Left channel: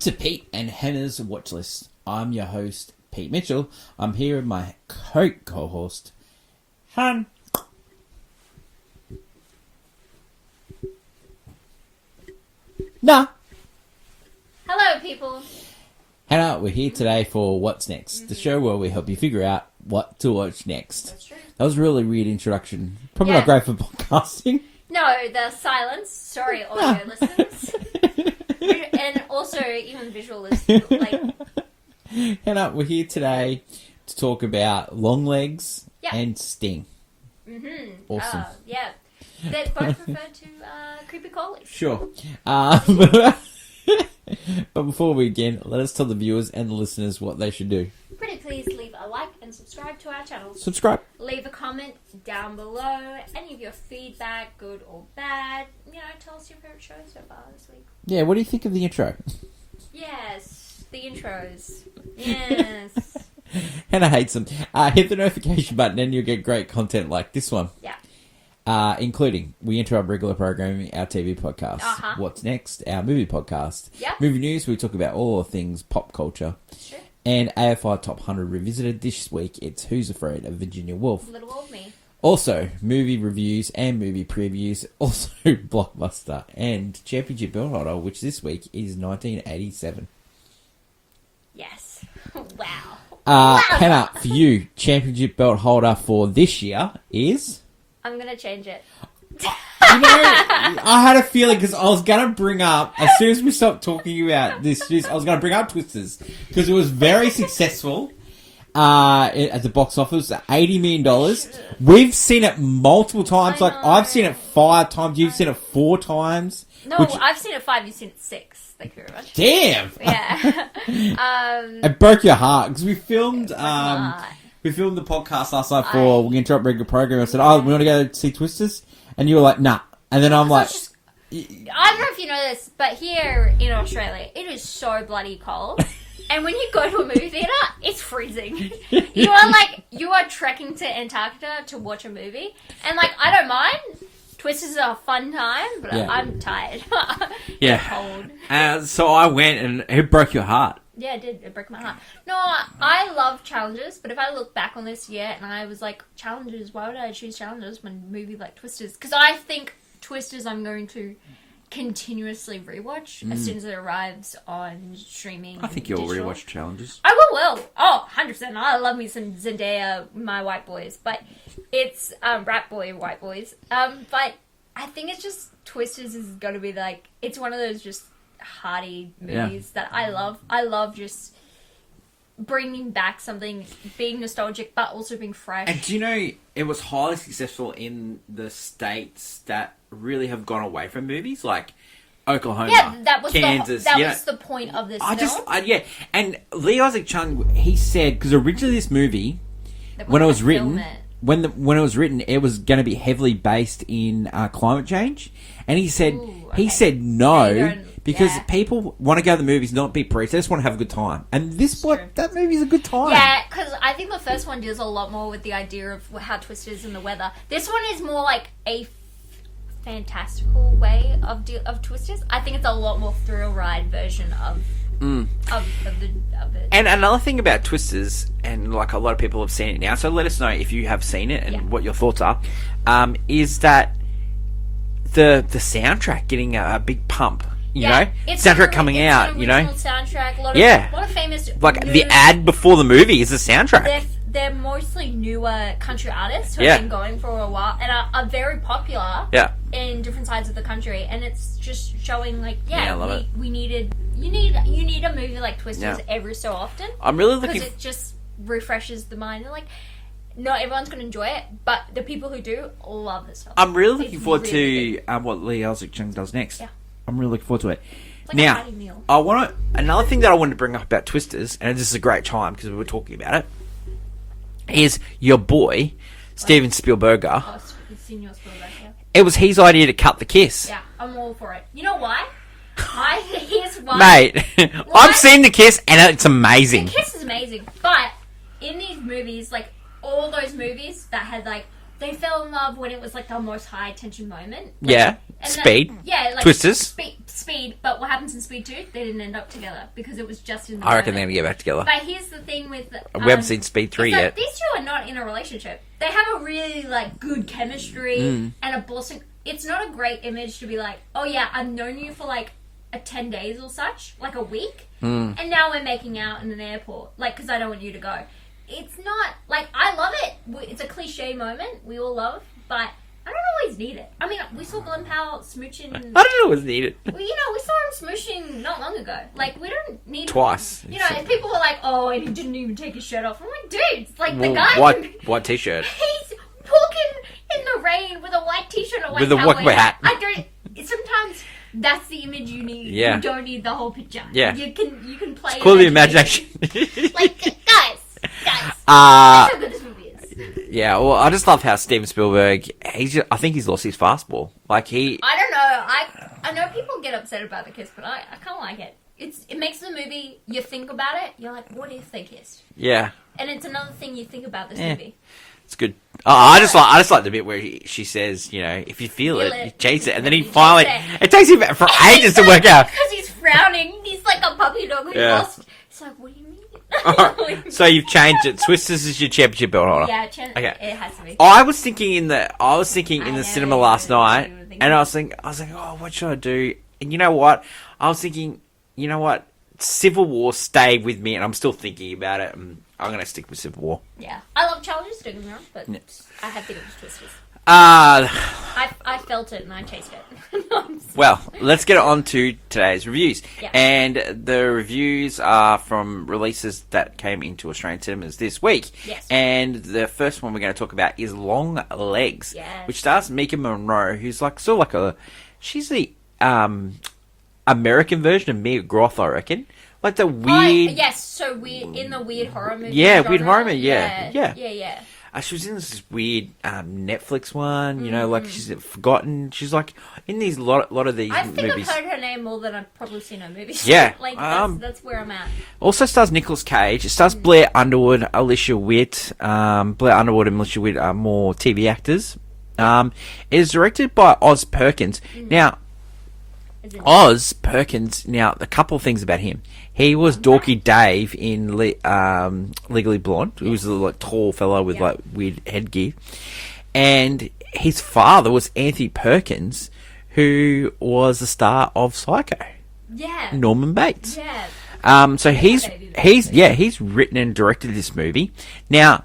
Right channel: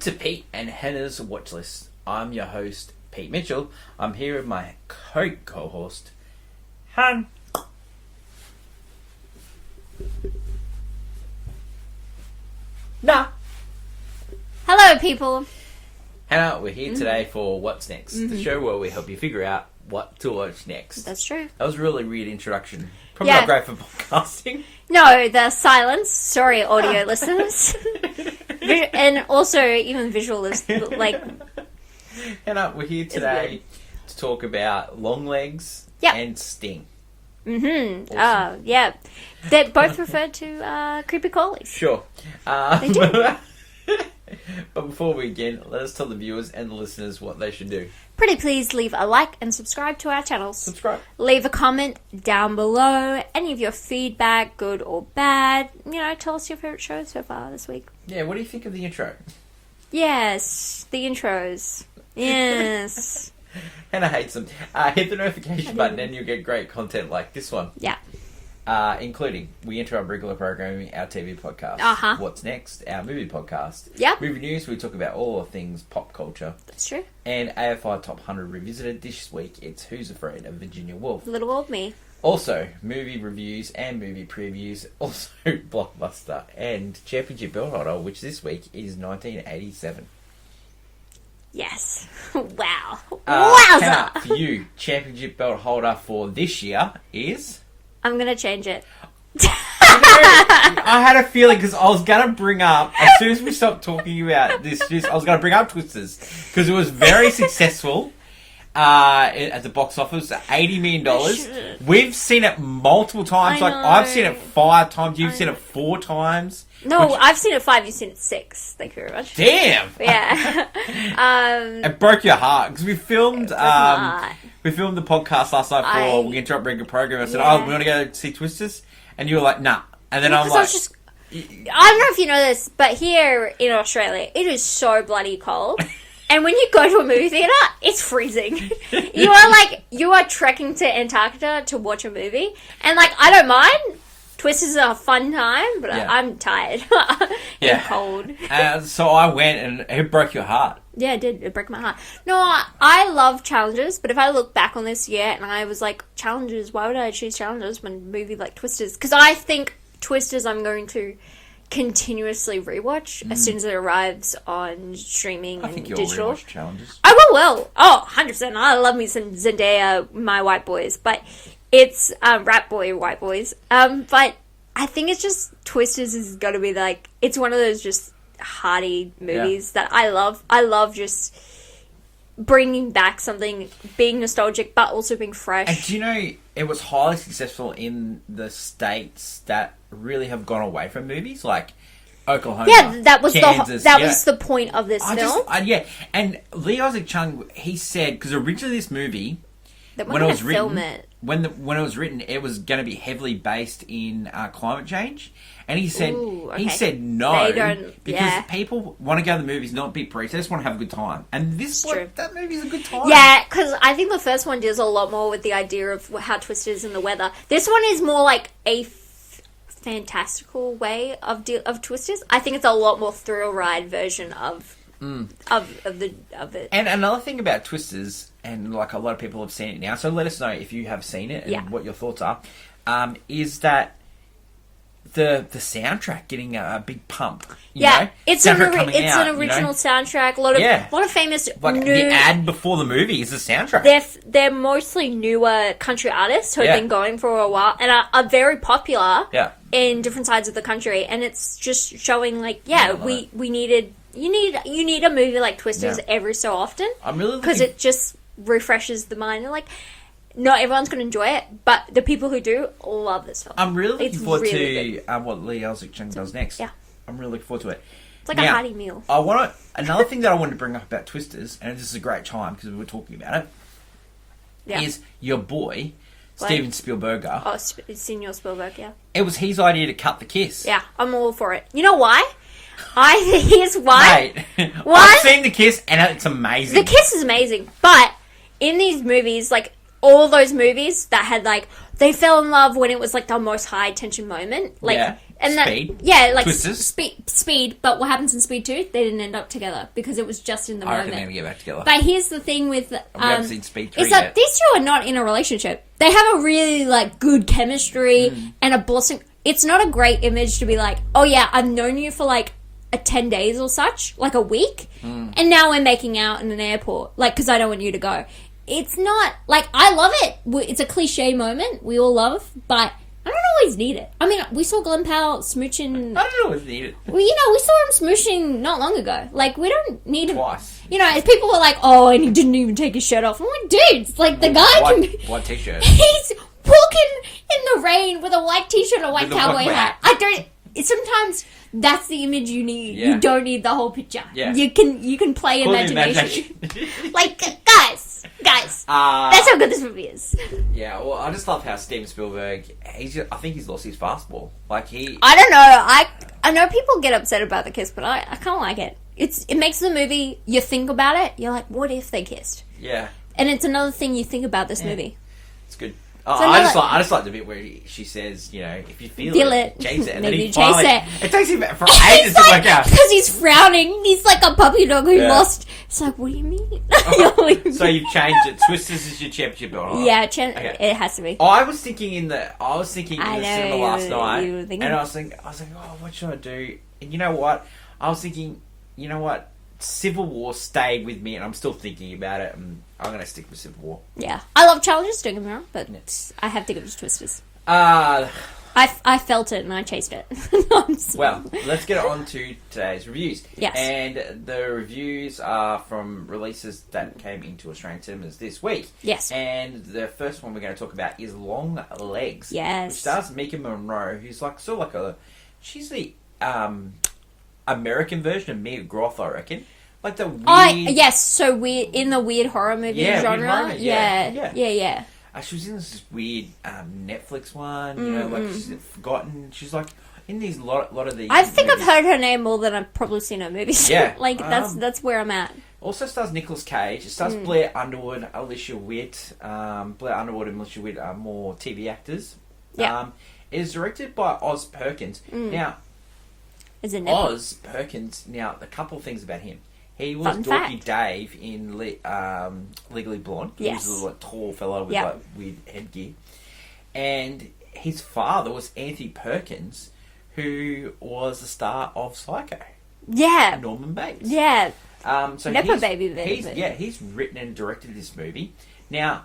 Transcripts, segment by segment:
to Pete and Hannah's Watch List. I'm your host, Pete Mitchell. I'm here with my co-host, Han. Nah. Hello, people. Hannah, we're here today for What's Next, the show where we help you figure out what to watch next. That's true. That was a really weird introduction. Probably not great for podcasting. No, the silence. Sorry, audio listeners. And also, even visual listeners. Like... Hannah, we're here today to talk about Longlegs and Sting. Mm-hmm. Awesome. Yeah. They're both referred to creepy crawlies. Sure. They do. But before we begin, let us tell the viewers and the listeners what they should do. Pretty please leave a like and subscribe to our channels. Subscribe. Leave a comment down below. Any of your feedback, good or bad. You know, tell us your favourite show so far this week. Yeah, what do you think of the intro? Yes, the intros. Yes. Hannah hates them. Hit the notification button and you'll get great content like this one. Yeah. Including, we enter our regular programming, our TV podcast. What's Next? Our movie podcast. Yeah. Movie news, we talk about all things pop culture. That's true. And AFI Top 100 Revisited. This week, it's Who's Afraid of Virginia Woolf. Little old me. Also, movie reviews and movie previews. Also, Blockbuster and Championship Belt Holder, which this week is 1987. Yes. Wow. Hannah, for you, Championship Belt Holder for this year is... I'm going to change it. I had a feeling because I was going to bring up, as soon as we stopped talking about this, I was going to bring up Twisters because it was very successful at the box office, $80 million. We've seen it multiple times. I've seen it 5 times. You've seen it 4 times. No, I've seen it 5. You've seen it 6. Thank you very much. Damn. Yeah. It broke your heart because we filmed. We filmed the podcast last night for We Interrupt Regular Program. I said, "Oh, we want to go see Twisters," and you were like, "Nah." And then I'm like, I don't know if you know this, but here in Australia, it is so bloody cold. And when you go to a movie theater, it's freezing. You are trekking to Antarctica to watch a movie, and I don't mind. Twisters are a fun time, but I'm tired. And cold. So I went, and it broke your heart. Yeah, it did. It broke my heart. No, I love challenges, but if I look back on this year and I was like, challenges, why would I choose challenges when a movie like Twisters? Because I think Twisters I'm going to continuously rewatch as soon as it arrives on streaming and digital. I think you'll rewatch challenges. I will. Oh, 100%. I love me some Zendaya, my white boys, but it's Rat Boy, white boys. But I think it's just Twisters is going to be it's one of those just hearty movies that I love. I love just bringing back something, being nostalgic, but also being fresh. And do you know, it was highly successful in the states that really have gone away from movies, like Oklahoma, that was Kansas. Was the point of this film. And Lee Isaac Chung, he said, because originally this movie, when it was written, when it was written, it was going to be heavily based in climate change, and he said no because people want to go to the movies, not be preached. They just want to have a good time, and that movie is a good time. Yeah, because I think the first one deals a lot more with the idea of how Twisters and the weather. This one is more like a fantastical way of Twisters. I think it's a lot more thrill ride version of it. And another thing about Twisters, and a lot of people have seen it now, so let us know if you have seen it and what your thoughts are, is that the soundtrack getting a big pump. You know? It's soundtrack coming out. It's an original soundtrack. A lot of famous the ad before the movie is the soundtrack. They're mostly newer country artists who have been going for a while and are very popular in different sides of the country, and it's just showing we needed you need a movie like Twisters every so often. I'm really looking because it just refreshes the mind and not everyone's going to enjoy it, but the people who do love this film. I'm really looking forward to what Lee Isaac Chung does next. Yeah. I'm really looking forward to it. It's like a hearty meal. Another thing that I wanted to bring up about Twisters, and this is a great time because we were talking about it, is your boy, Steven Spielberg. Oh, Senior Spielberg, It was his idea to cut the kiss. Yeah, I'm all for it. You know why? Here's why. Mate, I've seen the kiss and it's amazing. The kiss is amazing, but in these movies, all those movies that had they fell in love when it was the most high tension moment. And Speed. Like Twisters. Speed. But what happens in Speed 2? They didn't end up together because it was just in the I reckon moment. they're going to get back together. But here's the thing with... we haven't seen Speed 3 it's yet. like, these two are not in a relationship. They have a really, like, good chemistry and a blessing. It's not a great image to be like, oh, yeah, I've known you for, like, 10 days or such, like a week, and now we're making out in an airport, like, because I don't want you to go. It's not... Like, I love it. It's a cliche moment we all love, but... I don't always need it. I mean, we saw Glenn Powell smooching... I don't always need it. Well, we saw him smooshing not long ago. Like, we don't need... Twice. If people were like, oh, and he didn't even take his shirt off. I'm like, dude, it's like the guy... White t-shirt. He's walking in the rain with a white t-shirt and a white cowboy hat. I don't... Sometimes that's the image you need. Yeah. You don't need the whole picture. Yeah. You can play Call the imagination. imagination. Like, guys, that's how good this movie is. Yeah, well, I just love how Steven Spielberg, I think he's lost his fastball. Like, I don't know. I know people get upset about the kiss, but I kind of like it. It makes the movie, you think about it, you're like, what if they kissed? Yeah. And it's another thing you think about this movie. It's good. I just like the bit where she says, if you feel it, chase it, and then he finally... It takes him for ages to work out. Because he's frowning. He's like a puppy dog who lost. It's like, what do you mean? So you've changed it. Twisters is your championship belt holder. Yeah, it has to be. I was thinking in the cinema last night, and I was like, oh, what should I do? And you know what? I was thinking, Civil War stayed with me, and I'm still thinking about it. And I'm going to stick with Civil War. Yeah. I love challenges, don't get me wrong, but I have to give it to Twisters. I felt it and I chased it. Well, let's get on to today's reviews. Yeah. And the reviews are from releases that came into Australian cinemas this week. Yes. And the first one we're going to talk about is Longlegs. Yes. Which stars Mika Monroe, who's like sort of like she's the American version of Mia Groth, I reckon. Like the weird... yes, so weird, in the weird horror movie genre. Weird horror movie, yeah. She was in this weird Netflix one, like she's forgotten. She's like in these lot of these. I think movies. I've heard her name more than I've probably seen her movies. Yeah, like that's where I'm at. Also stars Nicolas Cage. It stars Blair Underwood, Alicia Witt. Blair Underwood and Alicia Witt are more TV actors. Yeah. It is directed by Oz Perkins. Now, Oz Perkins. Now, a couple of things about him. He was Dorky Dave in Legally Blonde. Yes. He was a like tall fellow with like weird headgear. And his father was Anthony Perkins, who was the star of Psycho. Yeah. Norman Bates. Yeah. So he's written and directed this movie. Now,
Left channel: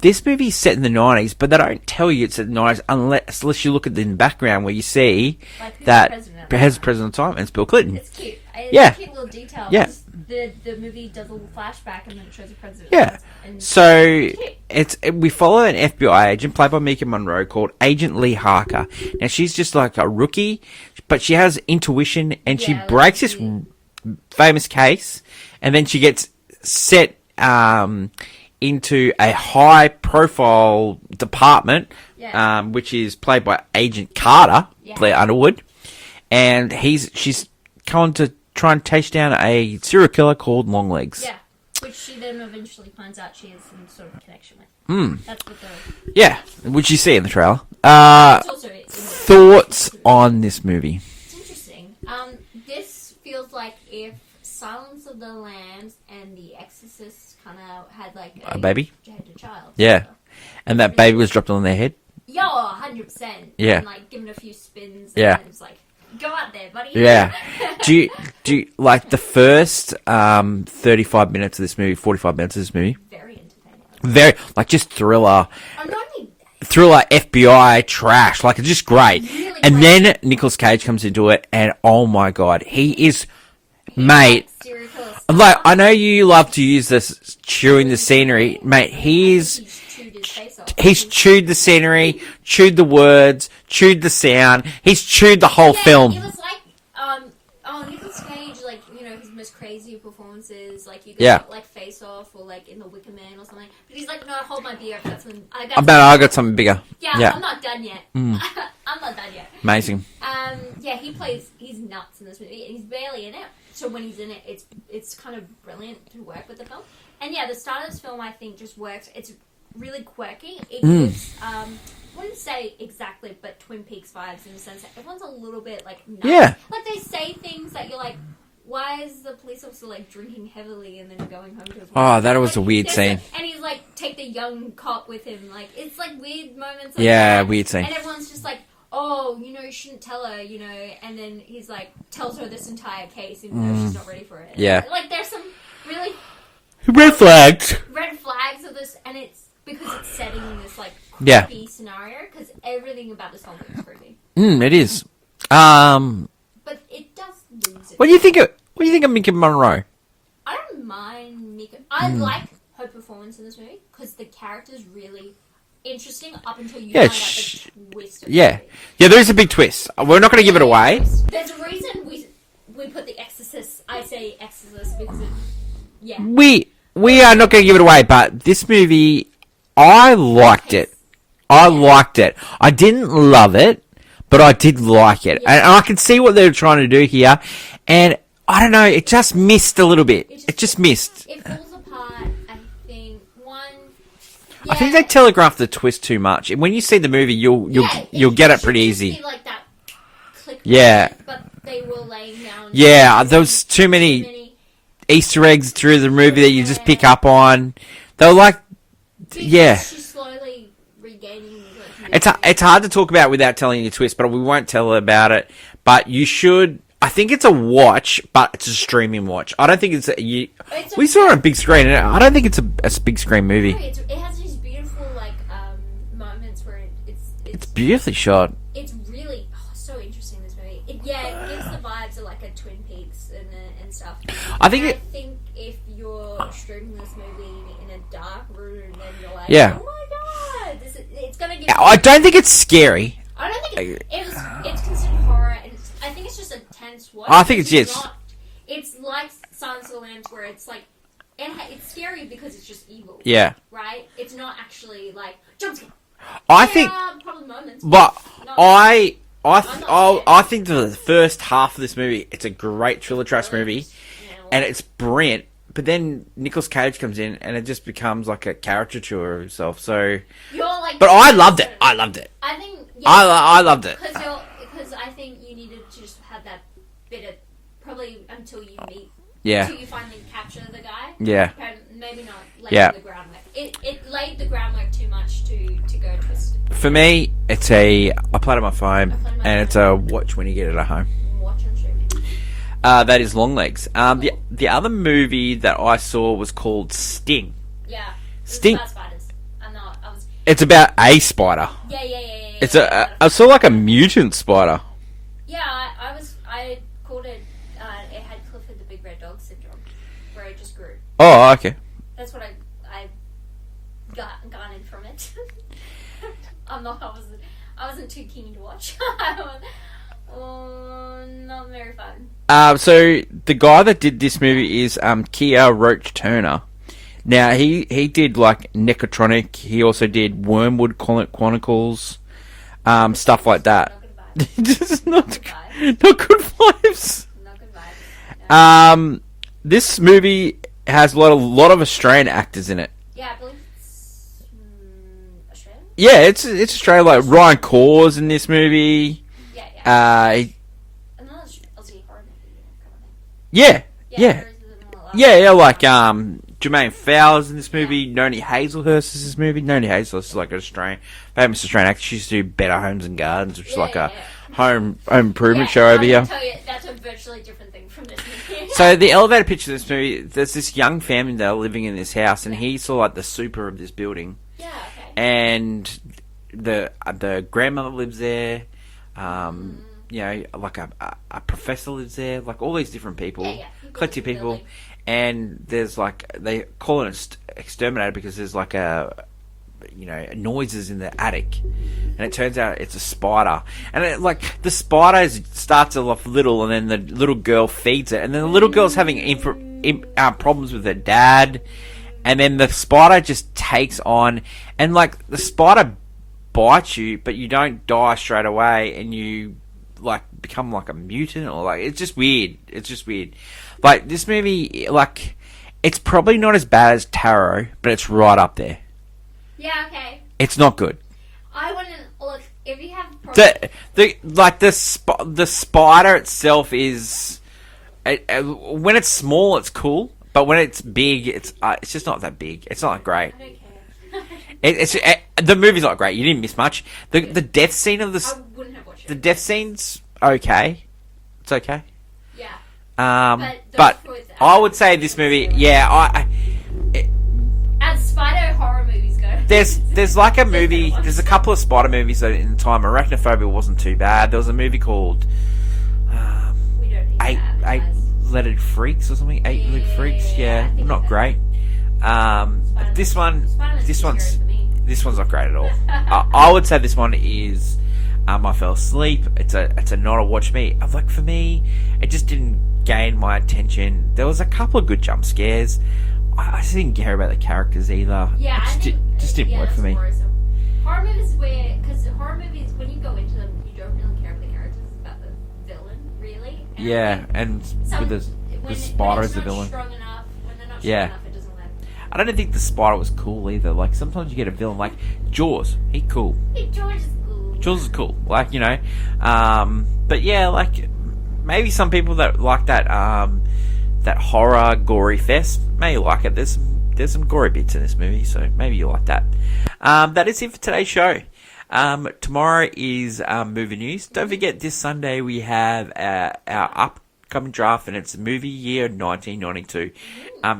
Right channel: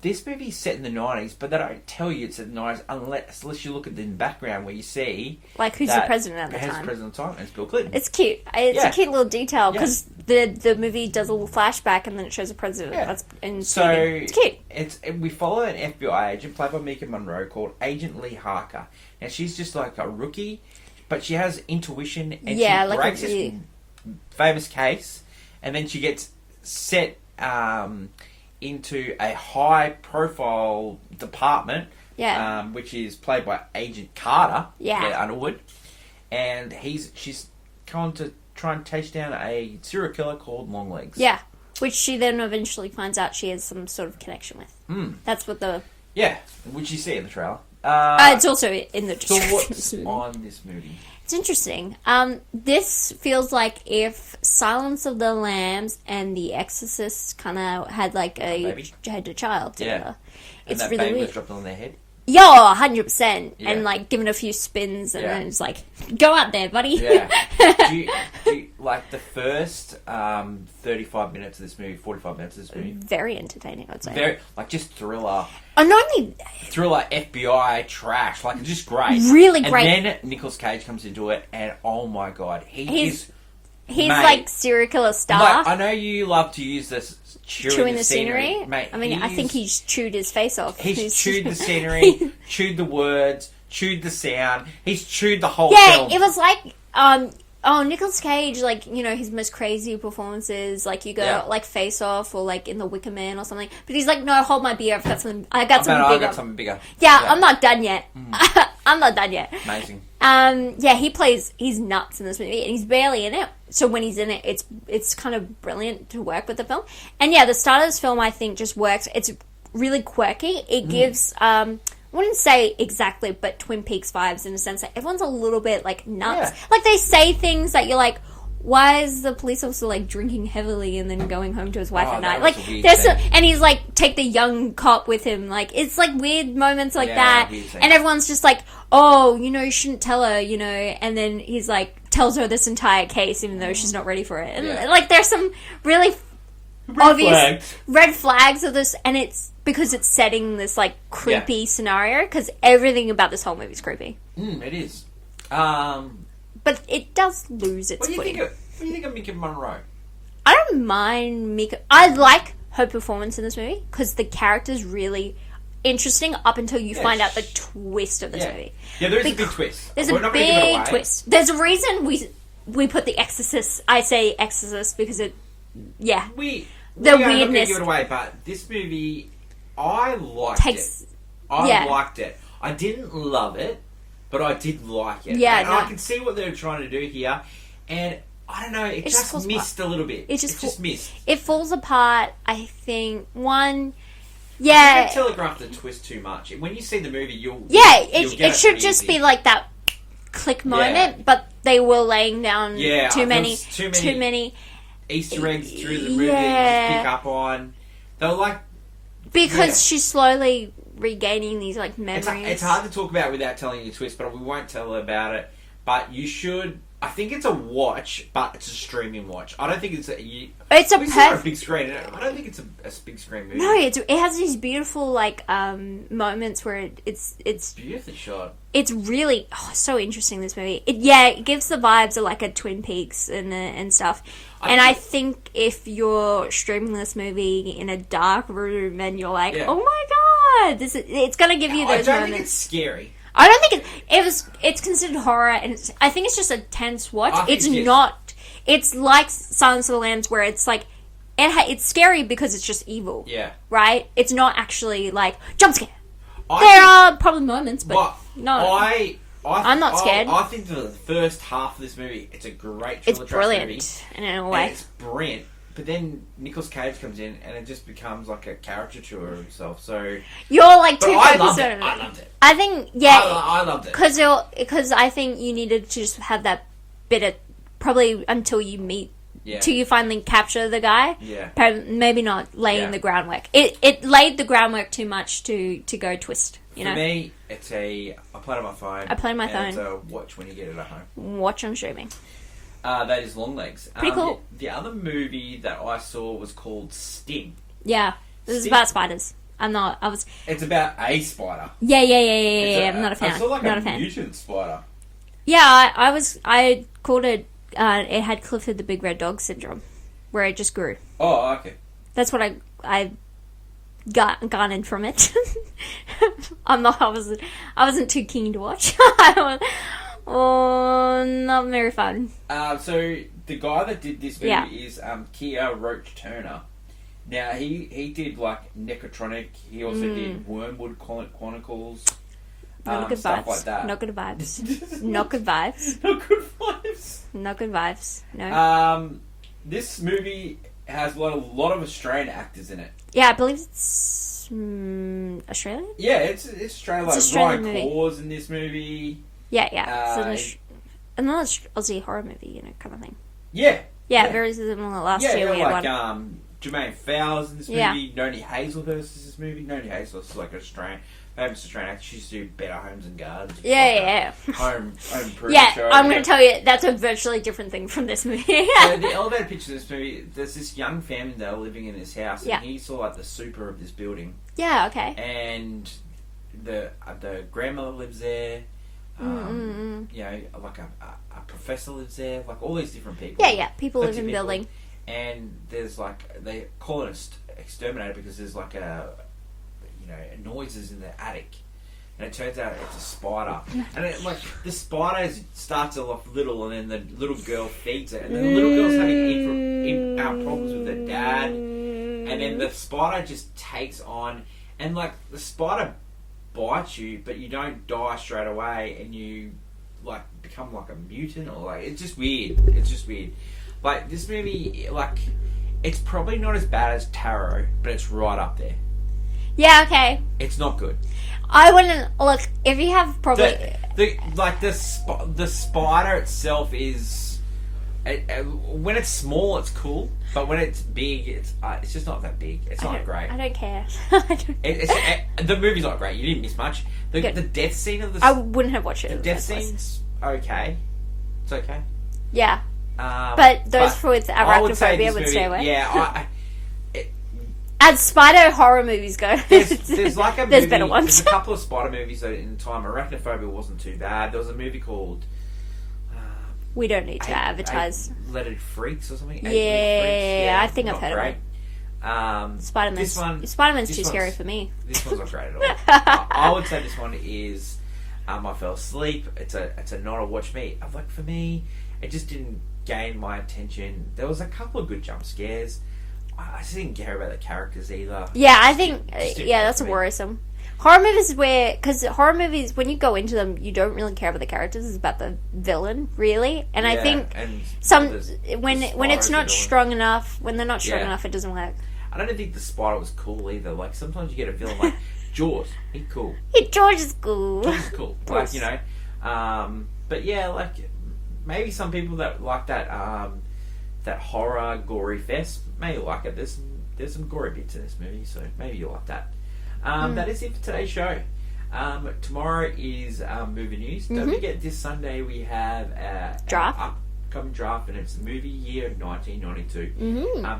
this movie's set in the 90s, but they don't tell you it's set in the 90s unless you look at the background where you see like who's the president at the time. President at the time, and it's Bill Clinton. It's cute. It's a cute little detail because the movie does a little flashback and then it shows the president. Yeah. So it's cute. We follow an FBI agent played by Mika Monroe called Agent Lee Harker. Now she's just like a rookie, but she has intuition and she breaks this famous case, and then she gets set into a high-profile department, which is played by Agent Carter, Blair Underwood, and she's going to try and chase down a serial killer called Longlegs. Yeah, which she then eventually finds out she has some sort of connection with. That's what which you see in the trailer. It's also in the thoughts on this movie. It's interesting. This feels like if Silence of the Lambs and The Exorcist kind of had like a baby, had a child. Yeah, and that really baby was dropped on their head. Yeah, 100%. Yeah, and like given a few spins, and then it's like, go out there, buddy. Yeah. do you like the first 35 minutes of this movie, 45 minutes of this movie? Very entertaining. I'd say. Very just thriller. And not only thriller, FBI trash, like it's just great. Really great. And then Nicolas Cage comes into it, and oh my god, he's like serial killer star. Like, I know you love to use this chewing the scenery, mate. I think he's chewed his face off. He's chewed the scenery, chewed the words, chewed the sound. He's chewed the whole film. It was like Nicolas Cage, like, his most crazy performances, like you go like Face Off or like in The Wicker Man or something. But he's like, no, hold my beer. I've got something. I got something bigger. Yeah, I'm not done yet. I'm not done yet. Amazing. He's nuts in this movie, and he's barely in it. So when he's in it, it's kind of brilliant to work with the film. And the start of this film, I think, just works. It's really quirky. It gives wouldn't say exactly, but Twin Peaks vibes in the sense that everyone's a little bit, like, nuts. Yeah. Like, they say things that you're like, why is the police officer, like, drinking heavily and then going home to his wife? Oh, that was like, a weird scene. And he's, like, take the young cop with him. Like, it's, like, weird moments like that. Yeah, weird scene. And everyone's just like, oh, you know, you shouldn't tell her, you know. And then he's, like, tells her this entire case even though she's not ready for it. And, Yeah. like, there's some really... Red flags. Red flags of this, and it's because it's setting this, like, creepy scenario, because everything about this whole movie is creepy. It is. But it does lose its What do you way. think of Mika Monroe? I don't mind Mika. I like her performance in this movie because the character's really interesting up until you find out the twist of the movie. Yeah, there is a big twist. We're not going to give it away. Twist. There's a reason we put The Exorcist. I say Exorcist because it. Yeah. We are not going to give it away, but this movie, I liked it. I liked it. I didn't love it, but I did like it. Yeah. And I can see what they're trying to do here. And I don't know, it just missed a little bit. It just missed. It falls apart, I think. One... Yeah. I think they telegraphed the twist too much. When you see the movie, you'll get it pretty easy. It should just be like that click moment, but they were laying down there was too many Easter eggs through the movie that you just pick up on. They were like... Because she's slowly regaining these, like, memories. It's hard to talk about without telling you a twist, but we won't tell about it. But you should... I think it's a watch, but it's a streaming watch. I don't think it's we saw it on a big screen. I don't think it's a big screen movie. No, it has these beautiful, like, moments where it's beautifully shot. It's really so interesting, this movie. It gives the vibes of, like, a Twin Peaks and stuff. I think if you're streaming this movie in a dark room and you're like, oh my god, it's gonna give you. I don't think it's scary. I don't think it's considered horror, and I think it's just a tense watch. I think it's not. It's like Silence of the Lambs, where it's like it's scary because it's just evil. Yeah. Right. It's not actually like jump scare. There are probably moments, but no. I'm not scared. I think the first half of this movie, it's a great thriller trash movie, and it's brilliant. But then Nicolas Cage comes in, and it just becomes like a caricature of himself. So you're like, but I loved it. I loved it. I think I loved it because I think you needed to just have that bit of probably until you meet. Yeah. Till you finally capture the guy. Yeah. Maybe not laying the groundwork. It laid the groundwork too much to go twist. For me, it's I play it on my phone. And it's a watch when you get it at home. Watch on streaming. That is Longlegs. Cool. The other movie that I saw was called Sting. Yeah. This is about spiders. It's about a spider. Yeah. It's sort of like a mutant spider. Yeah, I called it, it had Clifford the Big Red Dog syndrome, where it just grew. Oh, okay. That's what I garnered from it. I wasn't too keen to watch. Oh, not very fun. So the guy that did this movie is Kia Roach Turner. Now he did like Necrotronic. He also did Wormwood Chronicles, stuff like that. Not good vibes. Not good vibes. Not good vibes. Not good vibes. No. This movie has a lot of Australian actors in it. Yeah, I believe it's Australian. Yeah, it's Australian. Like Ryan Corr's in this movie. Yeah. Another Aussie horror movie, kind of thing. Yeah. Very similar. Like Jermaine Fowler's in this movie. Noni Hazelhurst is this movie. Noni Hazelhurst is like an famous Australian actor. She used to do Better Homes and Gardens, which is like a home improvement show over here. I'm going to tell you, that's a virtually different thing from this movie. So the elevator pitch of this movie, there's this young family that are living in this house, and he's sort of like the super of this building. Yeah, okay. And the grandmother lives there. Like a professor lives there, like all these different people. People live in the building. And there's like, they call it an exterminator because there's like noises in the attic. And it turns out it's a spider. And the spider starts off little, and then the little girl feeds it. And then the little girl's having problems with her dad. And then the spider just takes on, and like the spider bites you, but you don't die straight away, and you like become like a mutant, or like it's just weird. Like this movie, like it's probably not as bad as Tarot, but it's right up there. Yeah, okay. It's not good. I wouldn't look if you have probably the spider itself is when it's small, it's cool. But when it's big, it's just not that big. It's not great. I don't care. The movie's not great. You didn't miss much. The death scene of I wouldn't have watched it. The death scene's okay. It's okay. Yeah. But those with I would say this movie. Yeah. As spider horror movies go, there's like a movie. Better ones. There's a couple of spider movies that in the time. Arachnophobia wasn't too bad. There was a movie called. We don't need to advertise. Eight-Legged Freaks or something. Eight-Legged Freaks. Yeah, I think not I've heard great. of it. Spider-Man's too scary for me. This one's not great at all. I would say this one is. I fell asleep. It's a not a watch me. Like for me, it just didn't gain my attention. There was a couple of good jump scares. I just didn't care about the characters either. Yeah, I think that's worrisome. Horror movies because horror movies, when you go into them, you don't really care about the characters. It's about the villain, really. And I think when it's not strong enough, when they're not strong enough, it doesn't work. I don't think the spider was cool either. Like sometimes you get a villain like Jaws. He's cool. Jaws is cool. Jaws is cool. Like but yeah, like maybe some people that like that that horror gory fest may like it. There's some gory bits in this movie, so maybe you like that. That is it for today's show. Tomorrow is movie news. Don't forget, this Sunday we have our upcoming draft, and it's movie year 1992.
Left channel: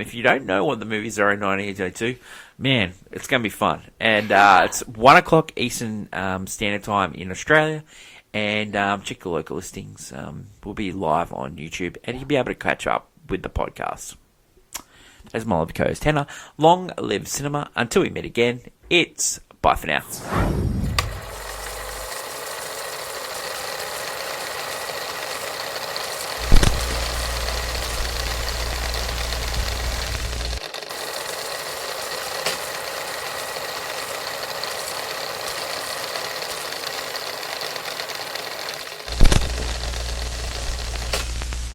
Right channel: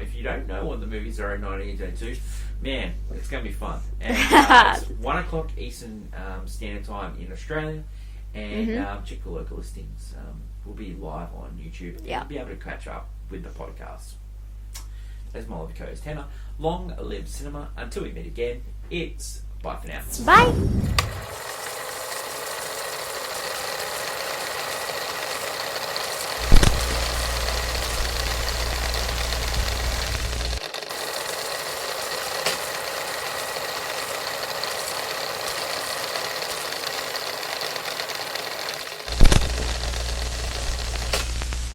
If you don't know what the movies are in 1992, man, it's going to be fun. And it's 1 o'clock Eastern Standard Time in Australia. And check the local listings. We'll be live on YouTube, and you'll be able to catch up with the podcast. As my lovely co-host Hannah, long live cinema. Until we meet again, it's bye for now. Bye.